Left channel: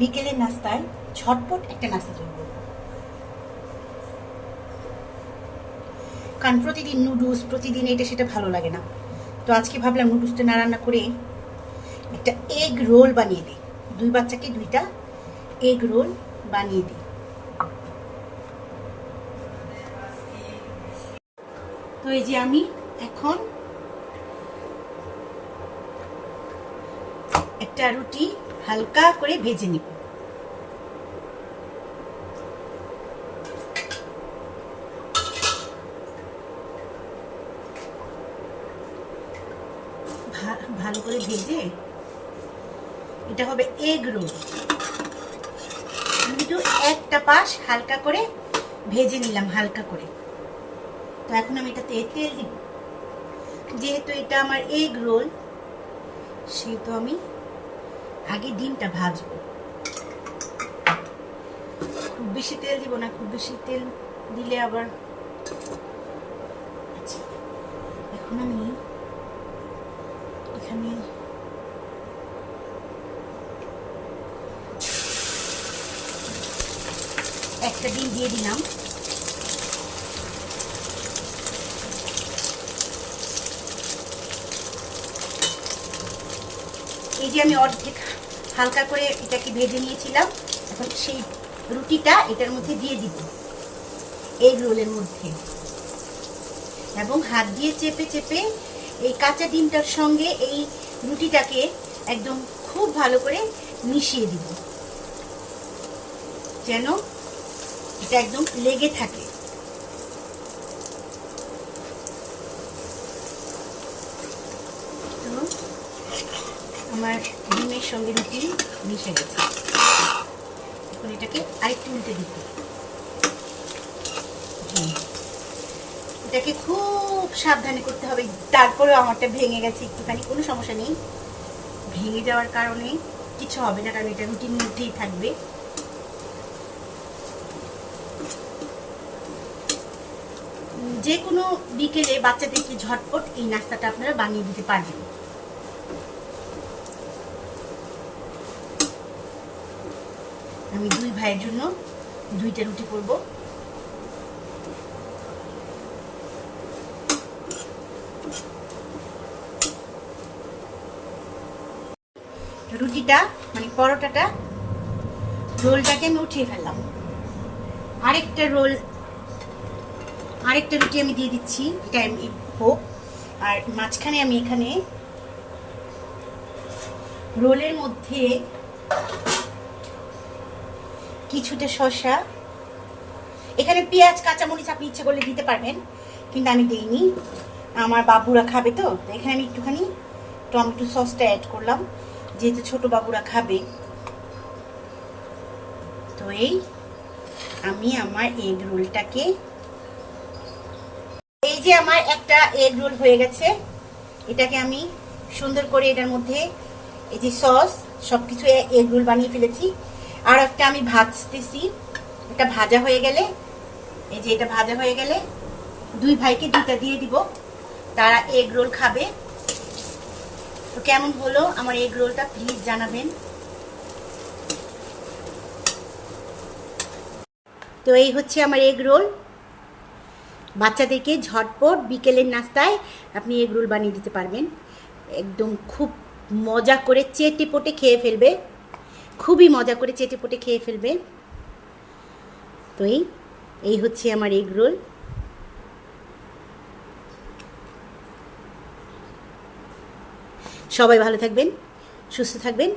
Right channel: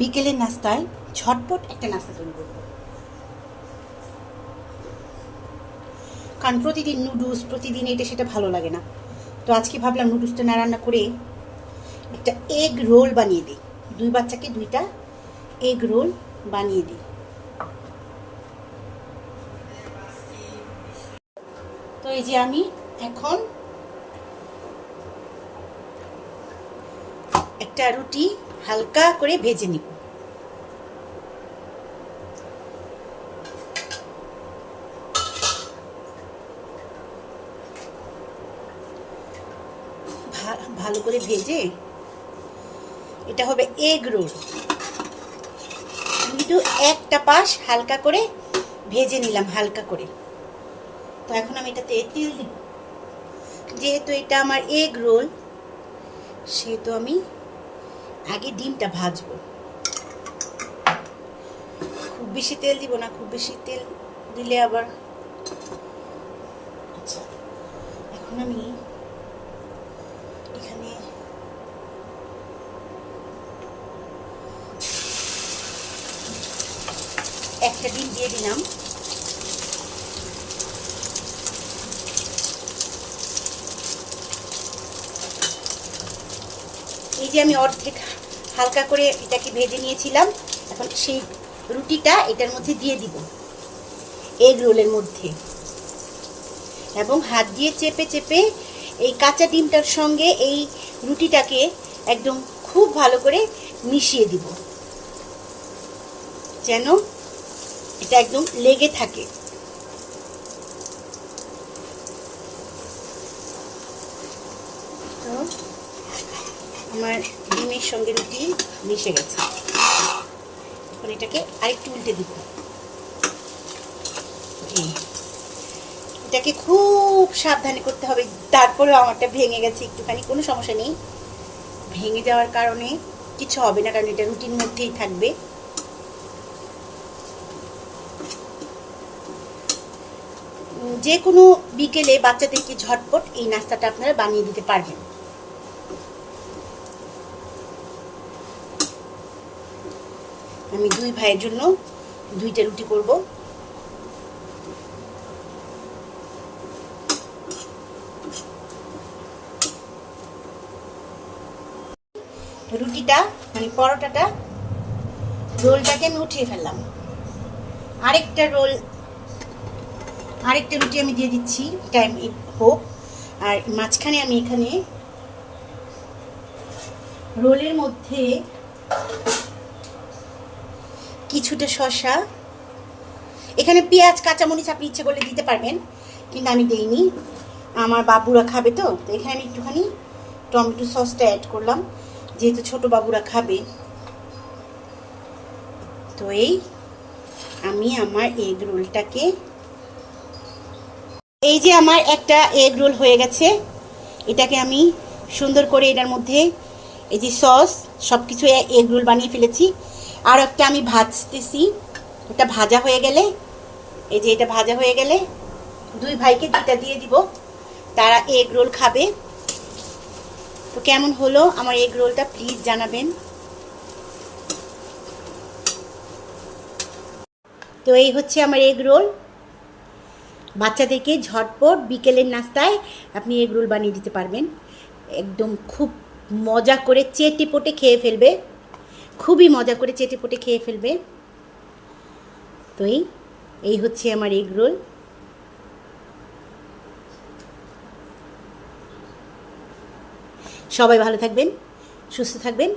বিকেলের নাস্তায় ঝটপট একটা নাস্তা তৈরি করবো। কারণ প্রতিদিন নুডলস, প্রতিদিন এটা সেটা ভালো লাগে না। তো আজকে ভাবলাম নুডলসটা না রান্না করে একটা এগ রোল বানিয়ে দিই। 2 বাচ্চাকে 2টা এগ রোল বানিয়ে দিই। তো এই যে আমি এখন একটা রুটি হালকা করে ভেজে নিব। ভালো করে ভেজে এটা হবে এগ রোল। কিন্তু একটা পাশ হালকা করে ভেজে নিলাম, হালকা করে। তো এখন আমি এটাতে তেল দিব। যেহেতু এটা আমার এগ রোল, সেহেতু আমি আগে ডিমটা ভাজবো। খুব বেশি তেল দিব না, খুব বেশি তেল দিলে আবার। আচ্ছা, এখন আমি এখানে একটা ডিম দিয়ে দিলাম। এই যে আমি অর্ধেক হালকা করে এটাকে ভেজে নিয়েছিলাম, এখন সেই রুটিটা এটার মধ্যে দিয়ে দিব, এগ রোলের মধ্যে। এবং হাত দিয়ে চেপে চেপে এই কাঁচা ডিমটার সঙ্গে এই রুটিটাকে একদম খুব ভালো করে মিশিয়ে দিব, যেন এটা একদম লেগে থাকে। তো আমার ডিমের সঙ্গে রুটি মিশে গেছে। এখন এটাকে আরেকটু উল্টে দিব। এটাকে খুব সাবধানে করতে হবে। তারপরেও আমারটা ভেঙে গেছে একটুখানি, কোনো সমস্যা নেই। ভেঙে যাওয়ার কারণে কিছু হবে না, কারণ এটা রুটির মধ্যেই থাকবে। যে কোনো বিকেলে বাচ্চাদেরকে ঝটপট এই নাস্তাটা আপনারা বানিয়ে দিতে পারবেন। আমি 2 ভাইয়ের জন্য 2টা রুটি করব। রুটিটা মানে পরোটাটা, রোলটাকে আমি উঠিয়ে ফেললাম। আরেকটা রুটি আমি দিয়ে দিচ্ছি, টাইম হোক। আর মাঝখানে আমি এখানে রোলের মধ্যে কিছুটা শসা, এখানে পেঁয়াজ কাঁচামরিচ আপনি ইচ্ছে করলে দিতে পারবেন, কিন্তু আমি দেইনি। আমার বাবুরা খাবে, তো এখানে আমি একটুখানি টমেটো সসটা অ্যাড করলাম, যেহেতু ছোট বাবুরা খাবে। তো আমি আমার এগ রোলটাকে, এই যে আমার একটা এগ রোল হয়ে গেছে। এটাকে আমি সুন্দর করে এটার মধ্যে এই যে সস সব কিছু এগ রোল বানিয়ে ফেলেছি। আর একটা আমি ভাজতেছি, ওটা ভাজা হয়ে গেলে, এই যে এটা ভাজা হয়ে গেলে 2 ভাইকে 2টা দিয়ে দিব, তারা এগ রোল খাবে। তো কেমন হলো আমার এগ রোলটা প্লিজ জানাবেন। তো এই হচ্ছে আমার এগ রোল। বাচ্চাদেরকে ঝটপট বিকেলের নাস্তায় আপনি এগ রোল বানিয়ে দিতে পারবেন। একদম খুব মজা করে চেটেপুটে খেয়ে ফেলবে, খুবই মজা করে চেটেপুটে খেয়ে ফেলবে। তো এই হচ্ছে আমার এগ রোল। সবাই ভালো থাকবেন, সুস্থ থাকবেন।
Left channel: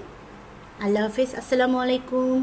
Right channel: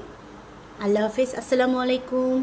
আল্লাহ হাফেজ, আসসালামু আলাইকুম।